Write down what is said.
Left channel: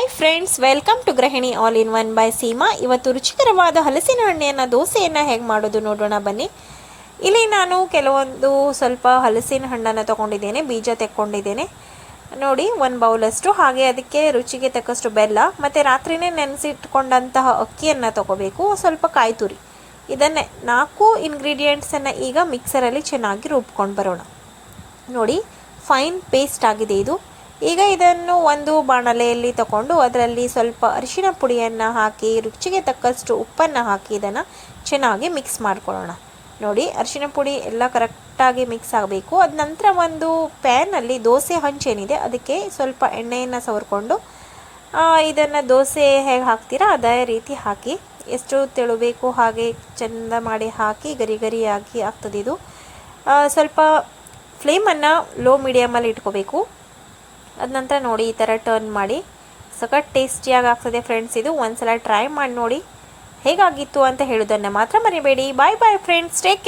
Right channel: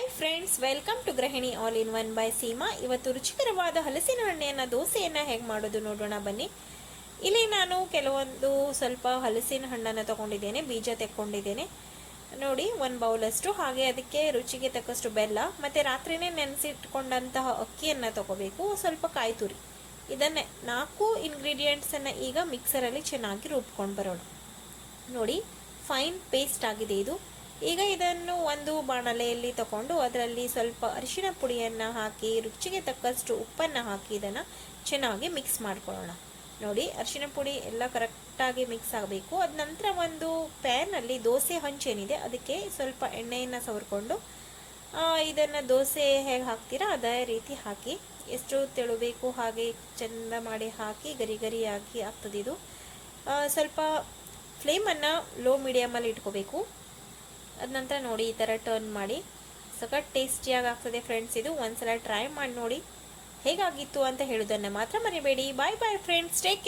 Hi friends welcome to Gruhini all in one by Seema ಇವತ್ತು ರುಚಿಕರವಾದ ಹಲಸಿನ ಹಣ್ಣಿನ ದೋಸೆಯನ್ನು ಹೇಗೆ ಮಾಡೋದು ನೋಡೋಣ ಬನ್ನಿ. ಇಲ್ಲಿ ನಾನು ಕೆಲವೊಂದು ಸ್ವಲ್ಪ ಹಲಸಿನ ಹಣ್ಣನ್ನು ತಗೊಂಡಿದ್ದೇನೆ, ಬೀಜ ತೆಕ್ಕೊಂಡಿದ್ದೇನೆ. ನೋಡಿ, ಒಂದು ಬೌಲಷ್ಟು, ಹಾಗೆ ಅದಕ್ಕೆ ರುಚಿಗೆ ತಕ್ಕಷ್ಟು ಬೆಲ್ಲ, ಮತ್ತು ರಾತ್ರಿನೇ ನೆನೆಸಿಟ್ಕೊಂಡಂತಹ ಅಕ್ಕಿಯನ್ನು ತಗೋಬೇಕು, ಸ್ವಲ್ಪ ಕಾಯಿ ತುರಿ. ಇದನ್ನೇ ನಾಲ್ಕು ಇಂಗ್ರೀಡಿಯೆಂಟ್ಸನ್ನು ಈಗ ಮಿಕ್ಸರಲ್ಲಿ ಚೆನ್ನಾಗಿ ರುಬ್ಕೊಂಡು ಬರೋಣ. ನೋಡಿ ಫೈನ್ ಪೇಸ್ಟ್ ಆಗಿದೆ ಇದು. ಈಗ ಇದನ್ನು ಒಂದು ಬಾಣಲೆಯಲ್ಲಿ ತಗೊಂಡು ಅದರಲ್ಲಿ ಸ್ವಲ್ಪ ಅರಿಶಿನ ಪುಡಿಯನ್ನು ಹಾಕಿ, ರುಚಿಗೆ ತಕ್ಕಷ್ಟು ಉಪ್ಪನ್ನು ಹಾಕಿ ಇದನ್ನು ಚೆನ್ನಾಗಿ ಮಿಕ್ಸ್ ಮಾಡ್ಕೊಳ್ಳೋಣ. ನೋಡಿ, ಅರಿಶಿನ ಪುಡಿ ಎಲ್ಲ ಕರೆಕ್ಟಾಗಿ ಮಿಕ್ಸ್ ಆಗಬೇಕು. ಅದ ನಂತರ ಒಂದು ಪ್ಯಾನಲ್ಲಿ ದೋಸೆ ಹಂಚೇನಿದೆ ಅದಕ್ಕೆ ಸ್ವಲ್ಪ ಎಣ್ಣೆಯನ್ನು ಸವರ್ಕೊಂಡು ಇದನ್ನು ದೋಸೆ ಹೇಗೆ ಹಾಕ್ತೀರಾ ಅದೇ ರೀತಿ ಹಾಕಿ. ಎಷ್ಟು ತೆಳುಬೇಕು ಹಾಗೆ ಚೆಂದ ಮಾಡಿ ಹಾಕಿ, ಗರಿ ಗರಿಯಾಗಿ ಆಗ್ತದೆ ಇದು. ಸ್ವಲ್ಪ ಫ್ಲೇಮನ್ನು ಲೋ ಮೀಡಿಯಮಲ್ಲಿ ಇಟ್ಕೋಬೇಕು. ಅದ ನಂತರ ನೋಡಿ ಈ ಥರ ಟರ್ನ್ ಮಾಡಿ. ಸಖತ್ ಟೇಸ್ಟಿಯಾಗಿ ಆಗ್ತದೆ ಫ್ರೆಂಡ್ಸ್ ಇದು. ಒಂದ್ಸಲ ಟ್ರೈ ಮಾಡಿ ನೋಡಿ ಹೇಗಾಗಿತ್ತು ಅಂತ ಹೇಳೋದನ್ನು ಮಾತ್ರ ಮರಿಬೇಡಿ. ಬಾಯ್ ಬಾಯ್ ಫ್ರೆಂಡ್ಸ್ ಟೇಕ್